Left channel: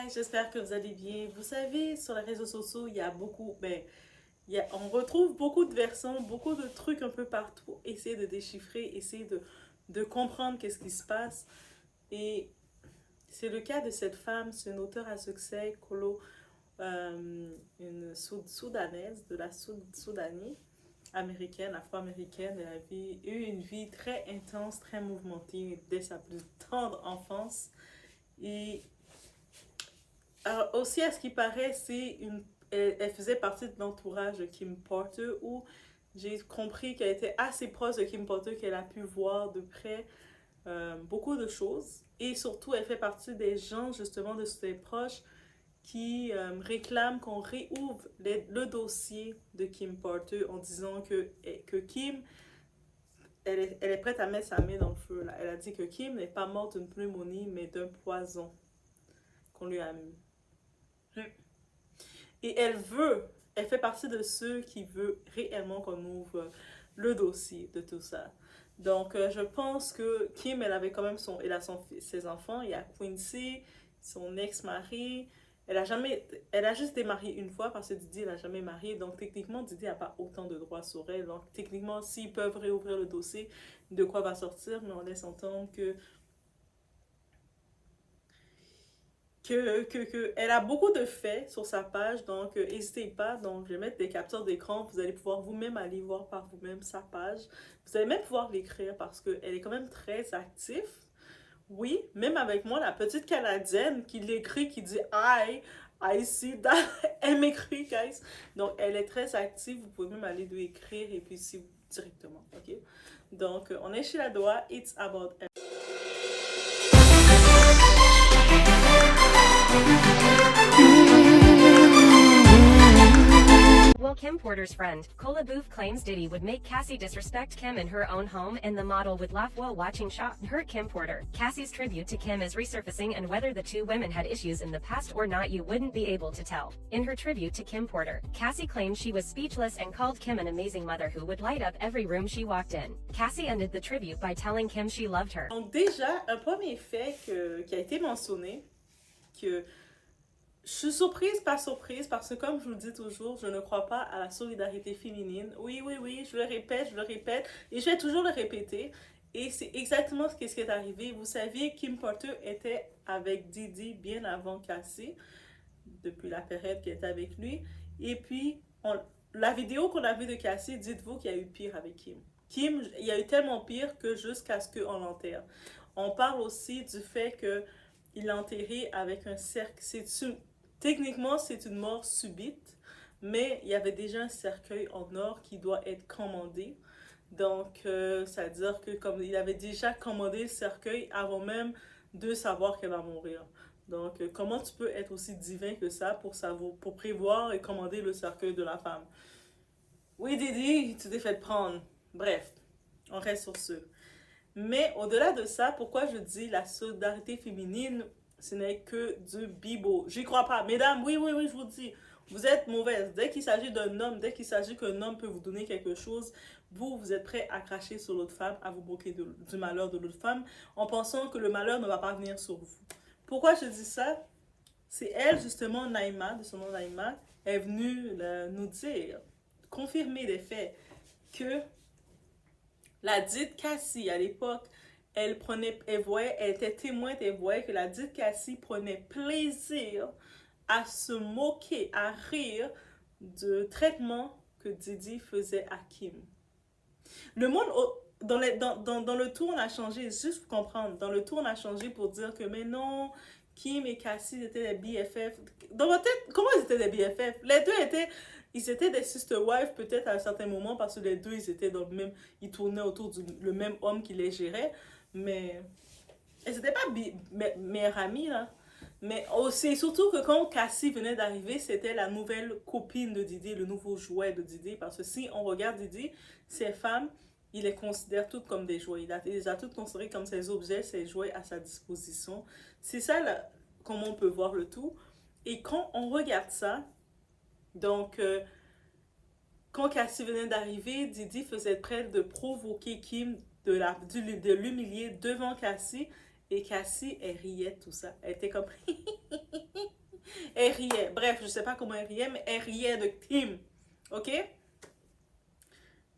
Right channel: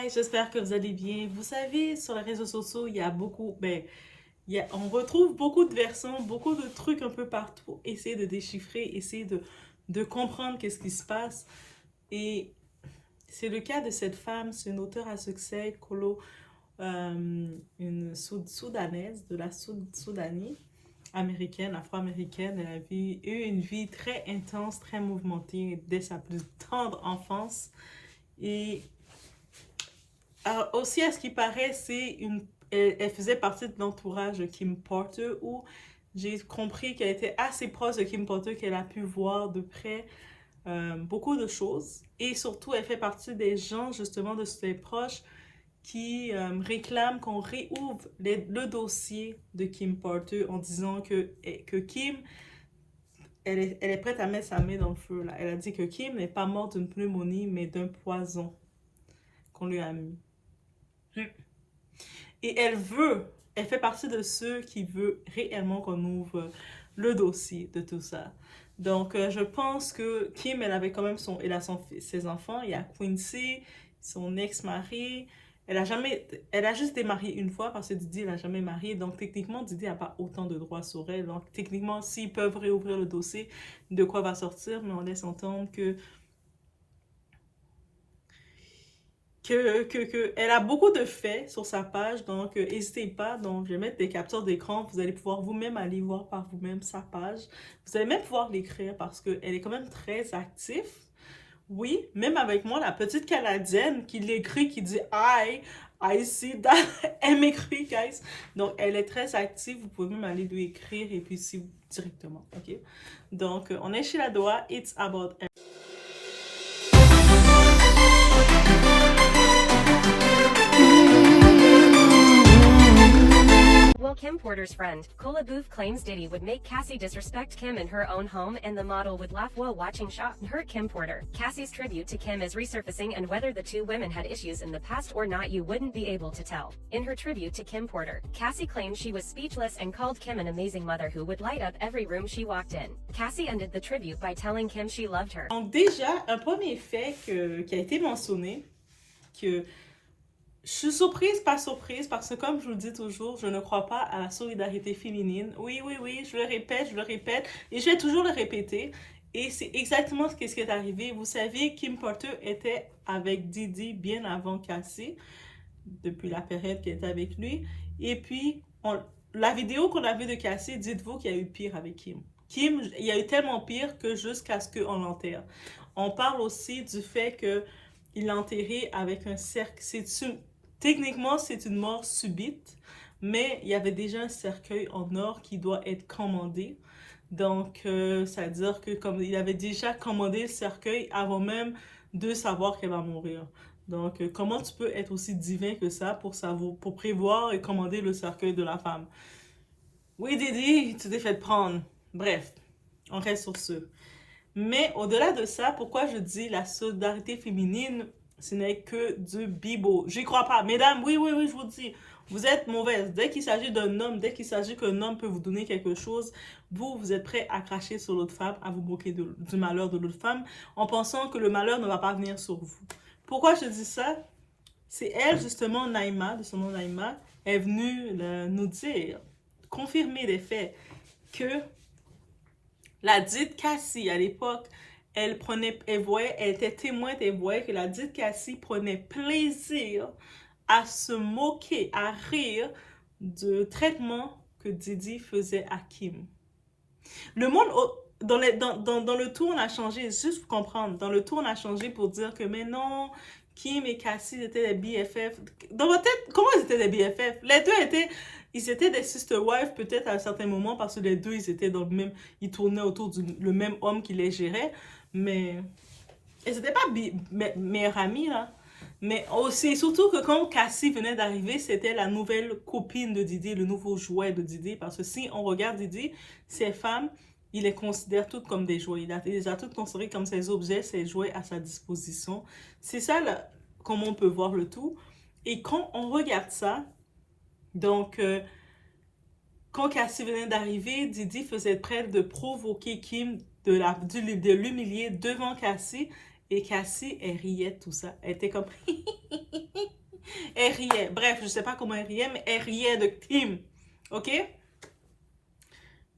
Hi, j'espère que vous allez bien. Vous savez, sur les réseaux sociaux, il y a beaucoup, on retrouve beaucoup de versions, beaucoup de trucs un peu partout. Essayer de déchiffrer, essayer de comprendre qu'est-ce qui se passe. Et c'est le cas de cette femme, c'est une auteure à succès, une soudanaise de la Soudanie, américaine, afro-américaine. Elle a eu une vie très intense, très mouvementée dès sa plus tendre enfance. Et aussi, à ce qui paraît, elle faisait partie de l'entourage de Kim Porter, où j'ai compris qu'elle était assez proche de Kim Porter, qu'elle a pu voir de près beaucoup de choses. Et surtout, elle fait partie des gens, justement, de ses proches qui réclament qu'on réouvre le dossier de Kim Porter en disant que Kim, elle est prête à mettre sa main dans le feu. Là. Elle a dit que Kim n'est pas morte d'une pneumonie, mais d'un poison qu'on lui a mis. Et elle fait partie de ceux qui veulent réellement qu'on ouvre le dossier de tout ça. Donc, je pense que Kim, elle a ses enfants. Il y a Quincy, son ex-mari. Elle a juste été mariée une fois parce que Didi n'a jamais marié. Donc, techniquement, Didi n'a pas autant de droits sur elle. Donc, techniquement, s'ils peuvent réouvrir le dossier, de quoi va sortir, mais on laisse entendre elle a beaucoup de faits sur sa page, donc n'hésitez pas. Donc, je vais mettre des captures d'écran. Vous allez pouvoir vous-même aller voir par vous-même sa page. Vous allez même pouvoir l'écrire parce qu'elle est quand même très active. Oui, même avec moi, la petite Canadienne qui l'écrit, qui dit I see that. Elle m'écrit, guys. Donc, elle est très active. Vous pouvez même aller lui écrire et puis si vous directement. OK? Donc, on est chez la Doha. It's about. Well, Kim Porter's friend, Cola Booth claims Diddy would make Cassie disrespect Kim in her own home and the model would laugh while watching shot and hurt Kim Porter. Cassie's tribute to Kim is resurfacing and whether the two women had issues in the past or not you wouldn't be able to tell. In her tribute to Kim Porter, Cassie claimed she was speechless and called Kim an amazing mother who would light up every room she walked in. Cassie ended the tribute by telling Kim she loved her. Donc déjà, un premier fait qui a été mentionné, que je suis surprise, pas surprise, parce que comme je vous le dis toujours, je ne crois pas à la solidarité féminine. Oui, oui, oui, je le répète, et je vais toujours le répéter. Et c'est exactement ce qui est arrivé. Vous savez, Kim Porter était avec Didi bien avant Cassie, depuis la période qu'elle était avec lui. Et puis, la vidéo qu'on a vue de Cassie, dites-vous qu'il y a eu pire avec Kim. Kim, il y a eu tellement pire que jusqu'à ce qu'on l'enterre. On parle aussi du fait qu'il l'a enterré avec un cercle. Techniquement, c'est une mort subite, mais il y avait déjà un cercueil en or qui doit être commandé. Donc, ça veut dire que comme il avait déjà commandé le cercueil avant même de savoir qu'elle va mourir. Donc, comment tu peux être aussi divin que ça pour prévoir et commander le cercueil de la femme? Oui, Didi, tu t'es fait prendre. Bref, on reste sur ce. Mais au-delà de ça, pourquoi je dis la solidarité féminine, ce n'est que du bibo. J'y crois pas. Mesdames, oui, oui, oui, je vous dis, vous êtes mauvaises. Dès qu'il s'agit d'un homme, dès qu'il s'agit qu'un homme peut vous donner quelque chose, vous êtes prêts à cracher sur l'autre femme, à vous moquer du malheur de l'autre femme, en pensant que le malheur ne va pas venir sur vous. Pourquoi je dis ça? C'est elle, justement, Naïma, de son nom Naïma, est venue nous dire, confirmer les faits, que la dite Cassie, à l'époque, elle était témoin, elle voyait que la dite Cassie prenait plaisir à se moquer, à rire du traitement que Didi faisait à Kim. Le monde, dans le tour, on a changé, juste pour comprendre, dans le tour, on a changé pour dire que, mais non, Kim et Cassie étaient des BFF. Dans votre tête, comment ils étaient des BFF? Ils étaient des sister wives peut-être à un certain moment parce que les deux, ils étaient dans le même, ils tournaient autour du le même homme qui les gérait, mais ils n'étaient pas meilleurs amis, là. Mais aussi, surtout que quand Cassie venait d'arriver, c'était la nouvelle copine de Didi, le nouveau jouet de Didi. Parce que si on regarde Didi, ces femmes, il les considère toutes comme des jouets. Il les a toutes considérées comme ses objets, ses jouets à sa disposition. C'est ça, là, comment on peut voir le tout. Et quand on regarde ça, donc, quand Cassie venait d'arriver, Didi faisait près de provoquer Kim, de l'humilier devant Cassie. Et Cassie, elle riait de tout ça. Elle était comme elle riait. Bref, je sais pas comment elle riait, mais elle riait de Kim. OK?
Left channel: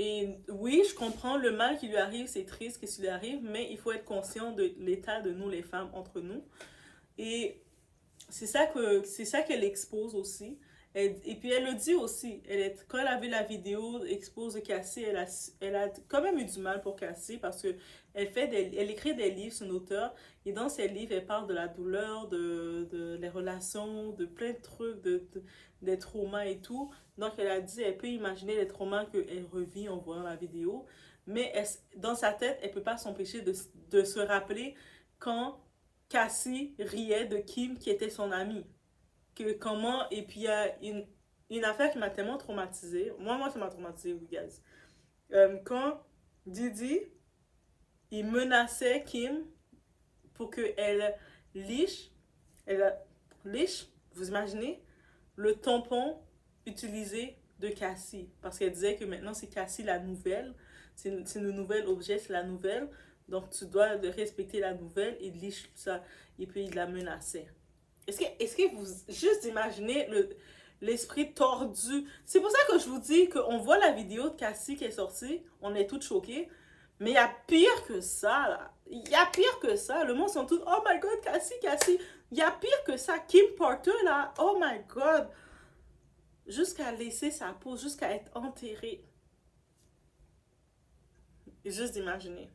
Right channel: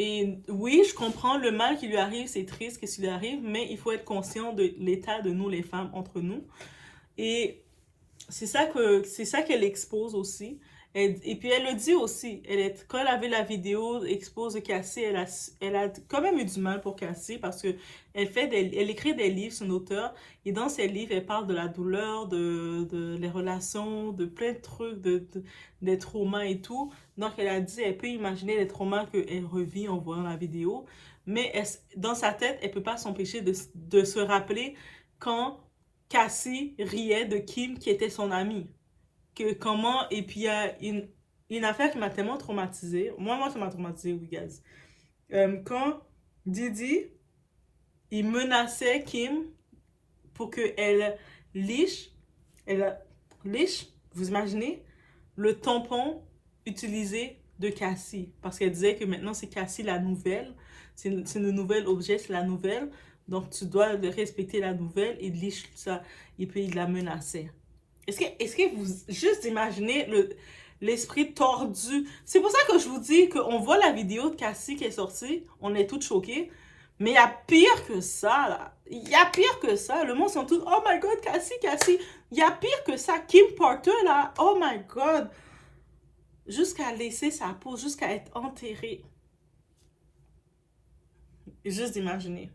Et oui, je comprends le mal qui lui arrive, c'est triste qu'est-ce qui lui arrive, mais il faut être conscient de l'état de nous, les femmes, entre nous. Et c'est ça qu'elle expose aussi. Et puis elle le dit aussi. Quand elle avait la vidéo expose de Cassie, elle a quand même eu du mal pour Cassie parce que elle écrit des livres, c'est une auteure. Et dans ses livres, elle parle de la douleur, de les relations, de plein de trucs, des traumas et tout. Donc elle a dit, elle peut imaginer les traumas qu'elle revit en voyant la vidéo. Mais dans sa tête, elle peut pas s'empêcher de se rappeler quand Cassie riait de Kim qui était son amie. Et puis il y a une affaire qui m'a tellement traumatisée. Moi, ça m'a traumatisée, oui, guys. Quand Didi, il menaçait Kim pour qu'elle liche, elle liche, vous imaginez, le tampon utilisé de Cassie. Parce qu'elle disait que maintenant c'est Cassie la nouvelle. C'est le nouvel objet, c'est la nouvelle. Donc tu dois respecter la nouvelle et liche ça. Et puis il la menaçait. Est-ce que vous juste imaginez l'esprit tordu? C'est pour ça que je vous dis qu'on voit la vidéo de Cassie qui est sortie, on est toutes choquées, mais il y a pire que ça, là. Il y a pire que ça. Le monde sont tous, oh my god, Cassie, Cassie. Il y a pire que ça. Kim Porter, là, oh my god. Jusqu'à laisser sa peau, jusqu'à être enterrée. Juste d'imaginer.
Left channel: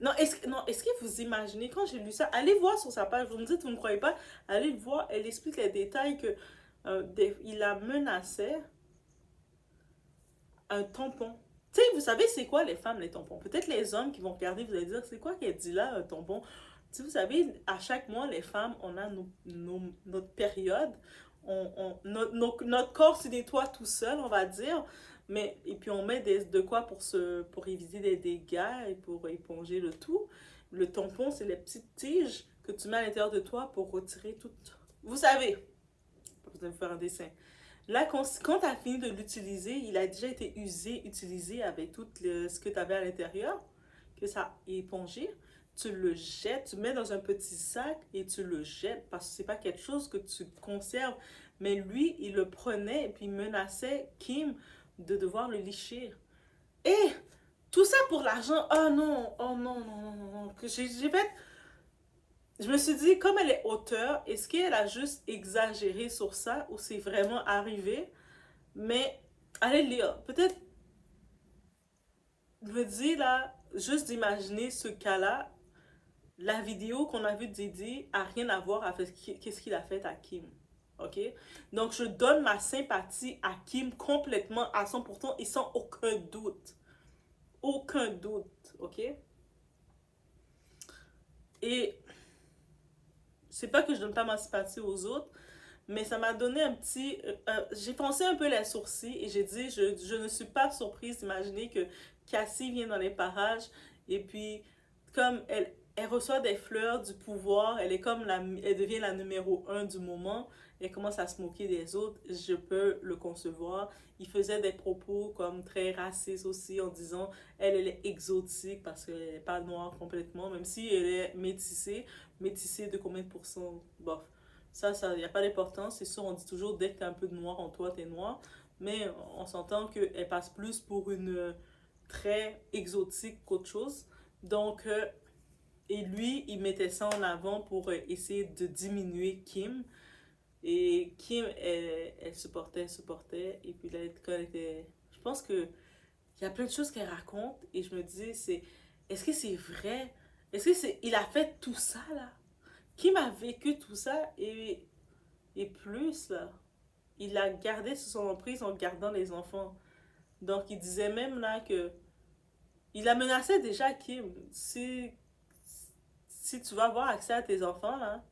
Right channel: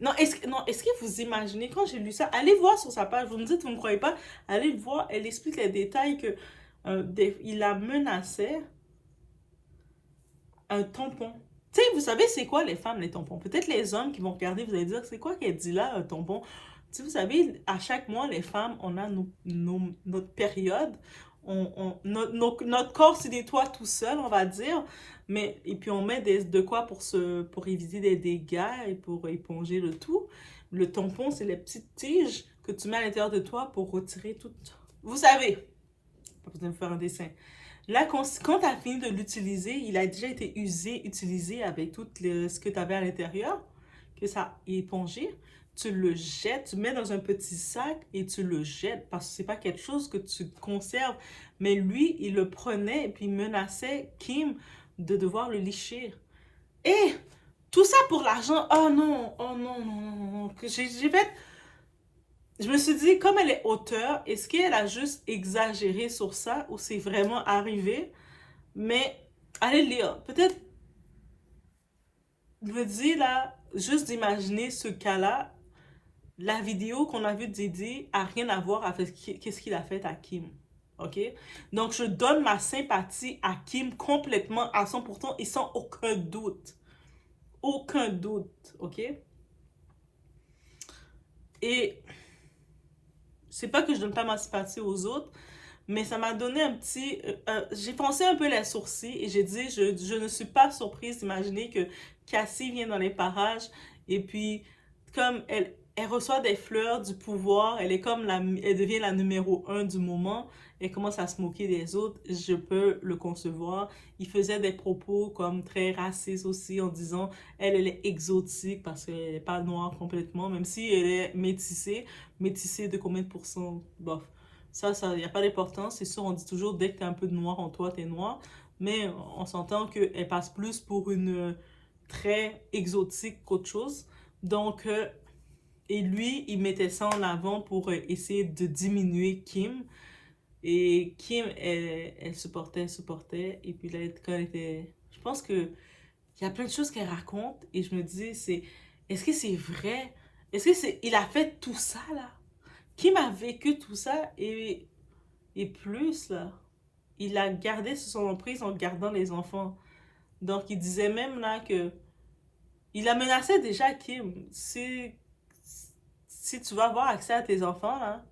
Non, est-ce que vous imaginez, quand j'ai lu ça, allez voir sur sa page, vous me dites, vous ne me croyez pas, allez voir, elle explique les détails que il a menacé un tampon. Tu sais, vous savez, c'est quoi les femmes, les tampons? Peut-être les hommes qui vont regarder, vous allez dire, c'est quoi qu'elle dit là, un tampon? Tu sais, vous savez, à chaque mois, les femmes, on a notre période. Notre corps se nettoie tout seul, on va dire. Et puis on met de quoi pour éviter des dégâts et pour éponger le tout. Le tampon, c'est les petites tiges que tu mets à l'intérieur de toi pour retirer tout. Vous savez, pas besoin de faire un dessin. Là, quand tu as fini de l'utiliser, il a déjà été utilisé avec tout ce que tu avais à l'intérieur, que ça a épongé. Tu le jettes, tu mets dans un petit sac et tu le jettes parce que c'est pas quelque chose que tu conserves. Mais lui, il le prenait et puis il menaçait Kim de devoir le licher. Et tout ça pour l'argent. Oh non, oh non, non, non, non. Je me suis dit, comme elle est auteure, est-ce qu'elle a juste exagéré sur ça ou c'est vraiment arrivé? Mais allez lire. Peut-être, je me dis là, juste d'imaginer ce cas-là, la vidéo qu'on a vue de Didi a rien à voir avec qu'est-ce qu'il a fait à Kim. OK? Donc, je donne ma sympathie à Kim complètement à 100% et sans aucun doute. Aucun doute. OK? Et c'est pas que je donne pas ma sympathie aux autres, mais ça m'a donné un petit... j'ai pensé un peu les sourcils et j'ai dit, je ne suis pas surprise d'imaginer que Cassie vient dans les parages et puis comme elle reçoit des fleurs du pouvoir, elle devient la numéro un du moment, elle commence à se moquer des autres, je peux le concevoir. Il faisait des propos comme très racistes aussi en disant elle est exotique parce qu'elle n'est pas noire complètement, même si elle est métissée. Métissée de combien de pourcents? Bof. Ça, il n'y a pas d'importance. C'est sûr, on dit toujours, dès que tu as un peu de noir en toi, tu es noir. Mais on s'entend qu'elle passe plus pour une très exotique qu'autre chose. Donc, et lui, il mettait ça en avant pour essayer de diminuer Kim. Et Kim, elle supportait. Et puis là, quand elle était... Je pense que il y a plein de choses qu'elle raconte. Et je me dis, est-ce que c'est vrai? Est-ce que c'est... Il a fait tout ça, là? Kim a vécu tout ça et plus, là. Il a gardé sous son emprise en gardant les enfants. Donc, il disait même là que... Il a menacé déjà Kim. Si tu vas avoir accès à tes enfants, là,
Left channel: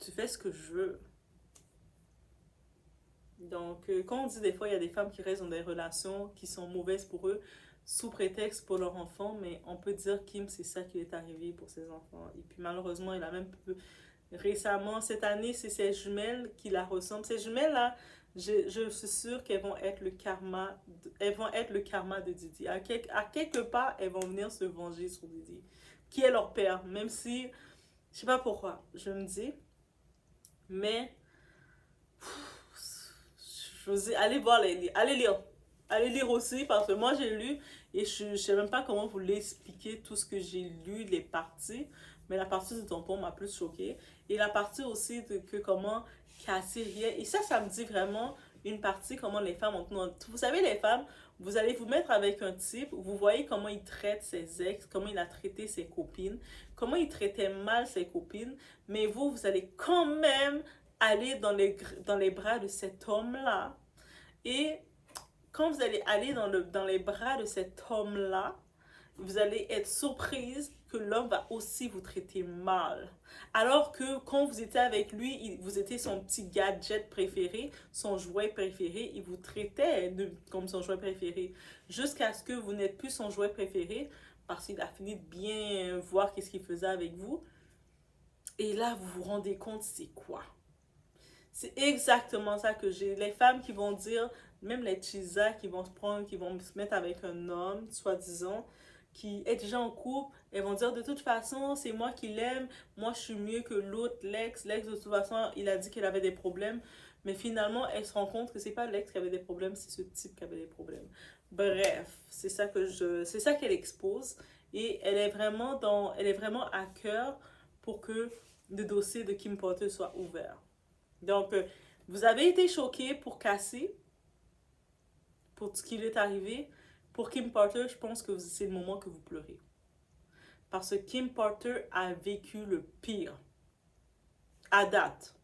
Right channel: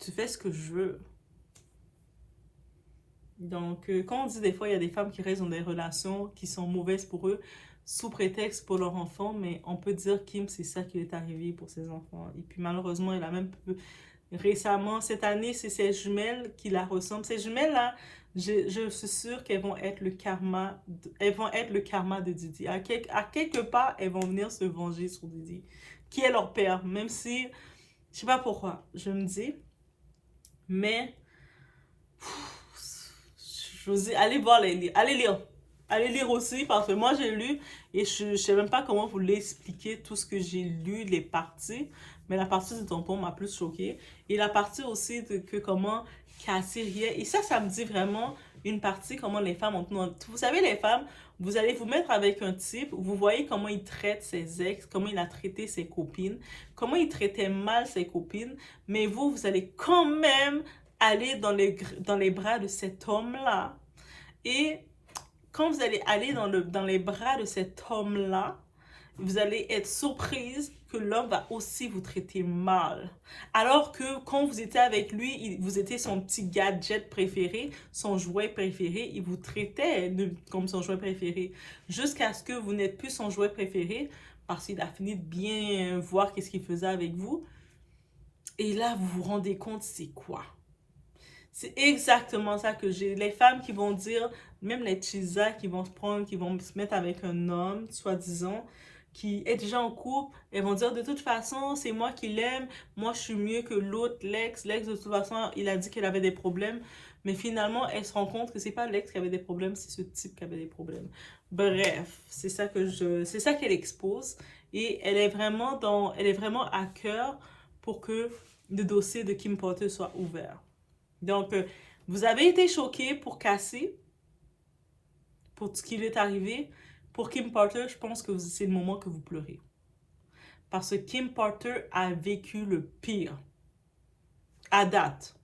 tu fais ce que je veux. Donc, quand on dit des fois, il y a des femmes qui restent dans des relations qui sont mauvaises pour eux, sous prétexte pour leur enfant, mais on peut dire Kim, c'est ça qui est arrivé pour ses enfants. Et puis malheureusement, il a même récemment, cette année, c'est ses jumelles qui la ressemblent. Ces jumelles-là, je suis sûre qu'elles vont être elles vont être le karma de Didi. À quelque part, elles vont venir se venger sur Didi, qui est leur père, même si, je sais pas pourquoi, je me dis, Mais, je vous dis, allez voir les livres. Allez lire. Allez lire aussi, parce que moi j'ai lu et je ne sais même pas comment vous l'expliquer tout ce que j'ai lu, les parties. Mais la partie du tampon m'a plus choquée. Et la partie aussi de que comment Cassie riait. Et ça me dit vraiment une partie comment les femmes ont... Vous savez, les femmes, vous allez vous mettre avec un type, vous voyez comment il traite ses ex, comment il a traité ses copines, comment il traitait mal ses copines, mais vous allez quand même aller dans les bras de cet homme-là. Et quand vous allez aller dans les bras de cet homme-là, vous allez être surprise que l'homme va aussi vous traiter mal. Alors que quand vous étiez avec lui, vous étiez son petit gadget préféré, son jouet préféré, il vous traitait comme son jouet préféré. Jusqu'à ce que vous n'êtes plus son jouet préféré, parce qu'il a fini de bien voir qu'est-ce qu'il faisait avec vous. Et là, vous vous rendez compte, c'est quoi? C'est exactement ça que j'ai. Les femmes qui vont dire, même les chisas qui vont se prendre, qui vont se mettre avec un homme, soi-disant, qui est déjà en couple, elles vont dire de toute façon, c'est moi qui l'aime, moi je suis mieux que l'autre, l'ex. L'ex, de toute façon, il a dit qu'il avait des problèmes. Mais finalement, elle se rend compte que c'est pas l'ex qui avait des problèmes, c'est ce type qui avait des problèmes. Bref, c'est ça qu'elle expose. Et elle est vraiment à cœur pour que le dossier de Kim Porter soit ouvert. Donc, vous avez été choqué pour Cassie, pour ce qui lui est arrivé. Pour Kim Porter, je pense que c'est le moment que vous pleurez. Parce que Kim Porter a vécu le pire. À date.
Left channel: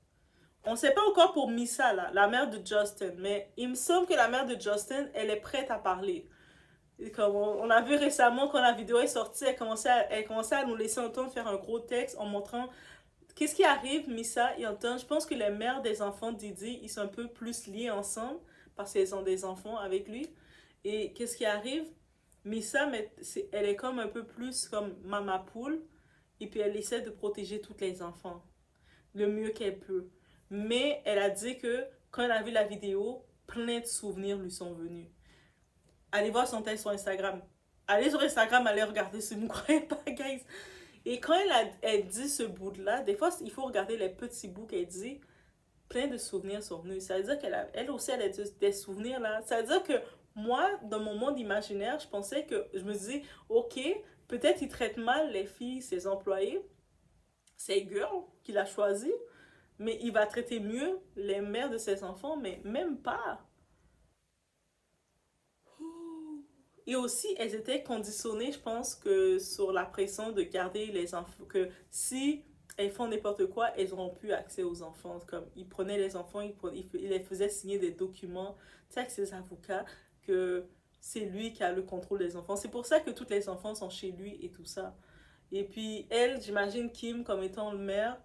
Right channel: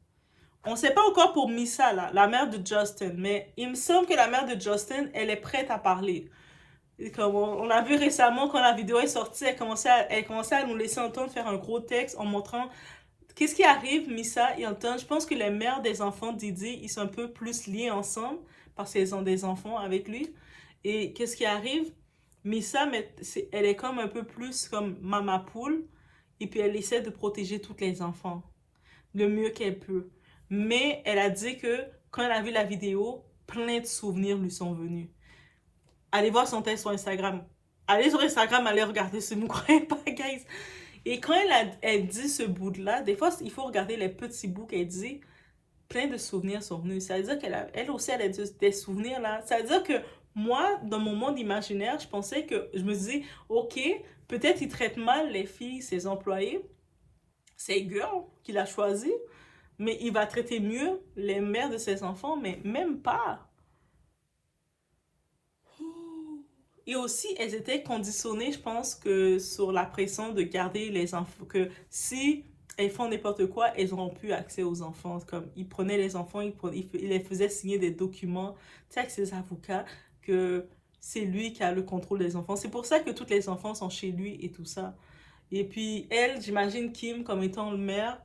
On ne sait pas encore pour Missa, là, la mère de Justin, mais il me semble que la mère de Justin, elle est prête à parler. Et comme on a vu récemment, quand la vidéo est sortie, elle commençait à nous laisser entendre faire un gros texte en montrant qu'est-ce qui arrive, Missa et Anton. Je pense que les mères des enfants Didi, ils sont un peu plus liés ensemble parce qu'ils ont des enfants avec lui. Et qu'est-ce qui arrive? Missa, elle est comme un peu plus comme Mama Poule. Et puis elle essaie de protéger tous les enfants le mieux qu'elle peut. Mais elle a dit que quand elle a vu la vidéo, plein de souvenirs lui sont venus. Allez voir son texte sur Instagram. Allez sur Instagram, allez regarder si vous ne croyez pas, guys. Et quand elle dit ce bout-là, des fois, il faut regarder les petits bouts qu'elle dit. Plein de souvenirs sont venus. Ça veut dire elle aussi, elle a des souvenirs là. Ça veut dire que moi, dans mon monde imaginaire, je me dis, ok, peut-être il traite mal les filles, ses employés, ses girls qu'il a choisi, mais il va traiter mieux les mères de ses enfants, mais même pas. Et aussi, elles étaient conditionnées, je pense, que sur la pression de garder les enfants, que si elles font n'importe quoi, elles n'auront plus accès aux enfants. Comme ils prenaient les enfants, ils les faisaient signer des documents, tu sais, avec ses avocats, que c'est lui qui a le contrôle des enfants. C'est pour ça que tous les enfants sont chez lui et tout ça. Et puis, elle, j'imagine Kim comme étant le mère,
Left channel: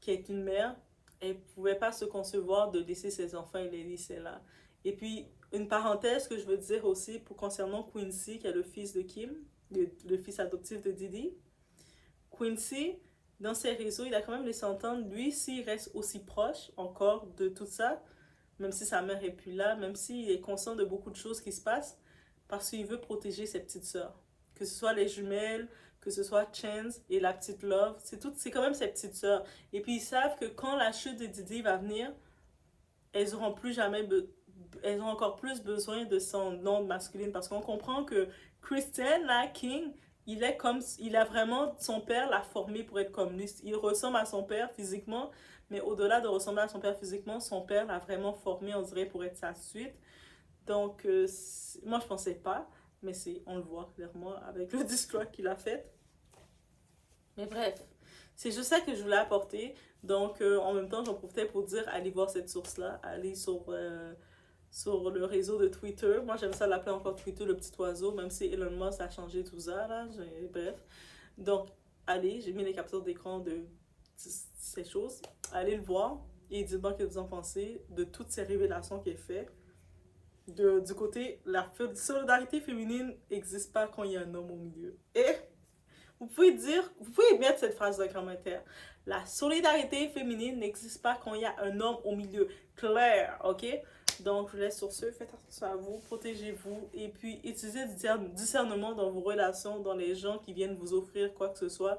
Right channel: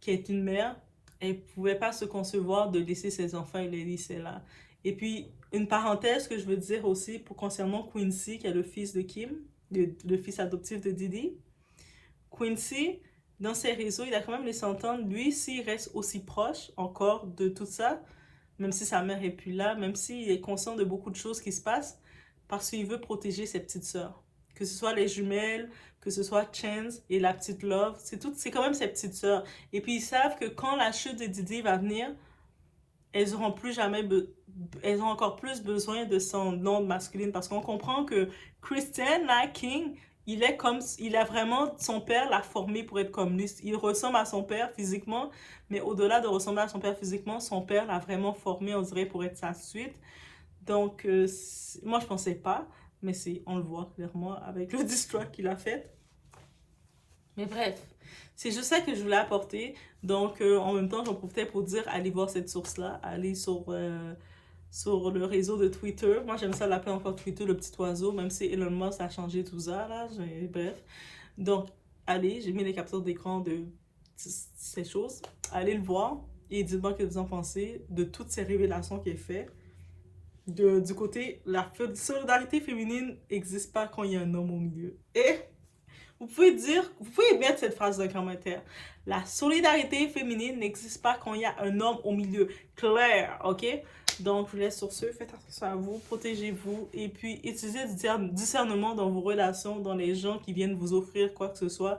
qui est une mère, elle ne pouvait pas se concevoir de laisser ses enfants et les laisser là. Et puis, une parenthèse que je veux dire aussi pour concernant Quincy, qui est le fils de Kim, le fils adoptif de Didi. Quincy, dans ses réseaux, il a quand même laissé entendre, lui, s'il reste aussi proche encore de tout ça, même si sa mère est plus là, même s'il est conscient de beaucoup de choses qui se passent, parce qu'il veut protéger ses petites sœurs. Que ce soit les jumelles, que ce soit Chance et la petite Love, c'est quand même ses petites sœurs. Et puis ils savent que quand la chute de Didi va venir, elles auront plus jamais elles ont encore plus besoin de son nom masculine parce qu'on comprend que Christian là, King, il a vraiment, son père l'a formé pour être comme lui. Il ressemble à son père physiquement, mais au-delà de ressembler à son père physiquement, son père l'a vraiment formé, on dirait, pour être sa suite. Donc, moi, je pensais pas, mais on le voit clairement avec le distrack qu'il a fait. Mais bref, c'est juste ça que je voulais apporter. Donc, en même temps, j'en profitais pour dire, allez voir cette source-là, allez sur le réseau de Twitter. Moi, j'aime ça l'appeler encore Twitter, le petit oiseau, même si Elon Musk a changé tout ça, là. Bref. Donc, allez, j'ai mis les captures d'écran de ces choses. Allez le voir et dites-moi ce que vous en pensez de toutes ces révélations qu'il fait. Du côté, la solidarité féminine n'existe pas quand il y a un homme au milieu. Et vous pouvez mettre cette phrase dans les commentaires. La solidarité féminine n'existe pas quand il y a un homme au milieu. Clair, ok? Donc, je vous laisse sur ce. Faites attention à vous, protégez-vous et puis utilisez du discernement dans vos relations, dans les gens qui viennent vous offrir quoi que ce soit.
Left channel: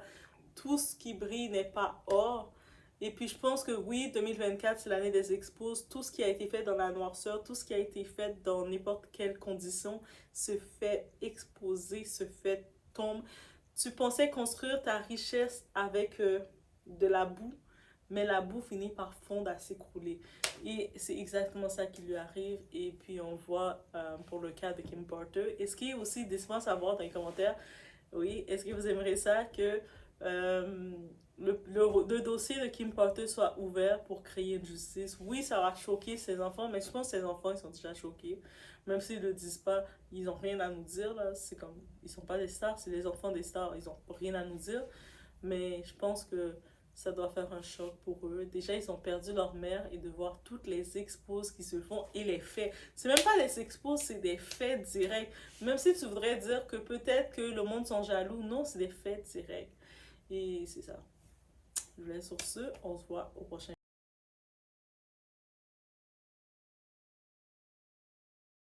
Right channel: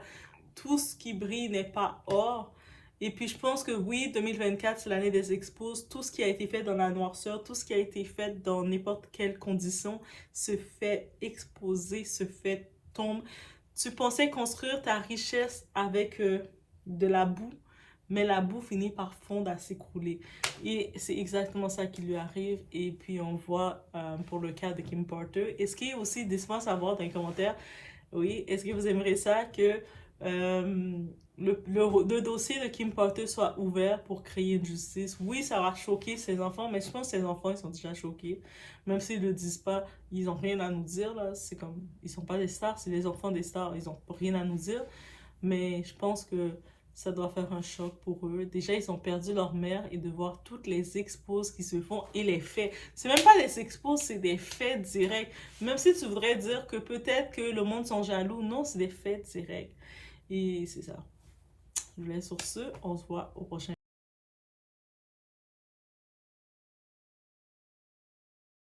Tout ce qui brille n'est pas or. Et puis je pense que oui, 2024, c'est l'année des expos. Tout ce qui a été fait dans la noirceur, tout ce qui a été fait dans n'importe quelle condition se fait exposer, se fait tomber. Tu pensais construire ta richesse avec de la boue, mais la boue finit par fondre à s'écrouler. Et c'est exactement ça qui lui arrive. Et puis on voit pour le cas de Kim Porter. Et ce qui est aussi décevant à savoir dans les commentaires, oui, est-ce que vous aimeriez ça que le dossier de Kim Porter soit ouvert pour créer une justice? Oui, ça va choquer ses enfants, mais je pense que ses enfants, ils sont déjà choqués. Même s'ils ne le disent pas, ils n'ont rien à nous dire, là. C'est comme, ils sont pas des stars, c'est les enfants des stars, ils n'ont rien à nous dire. Mais je pense que ça doit faire un choc pour eux. Déjà, ils ont perdu leur mère et de voir toutes les expos qui se font et les faits. C'est même pas des expos, c'est des faits directs. Même si tu voudrais dire que peut-être que le monde sont jaloux, non, c'est des faits directs. Et c'est ça. Je vous laisse sur ce. On se voit au prochain.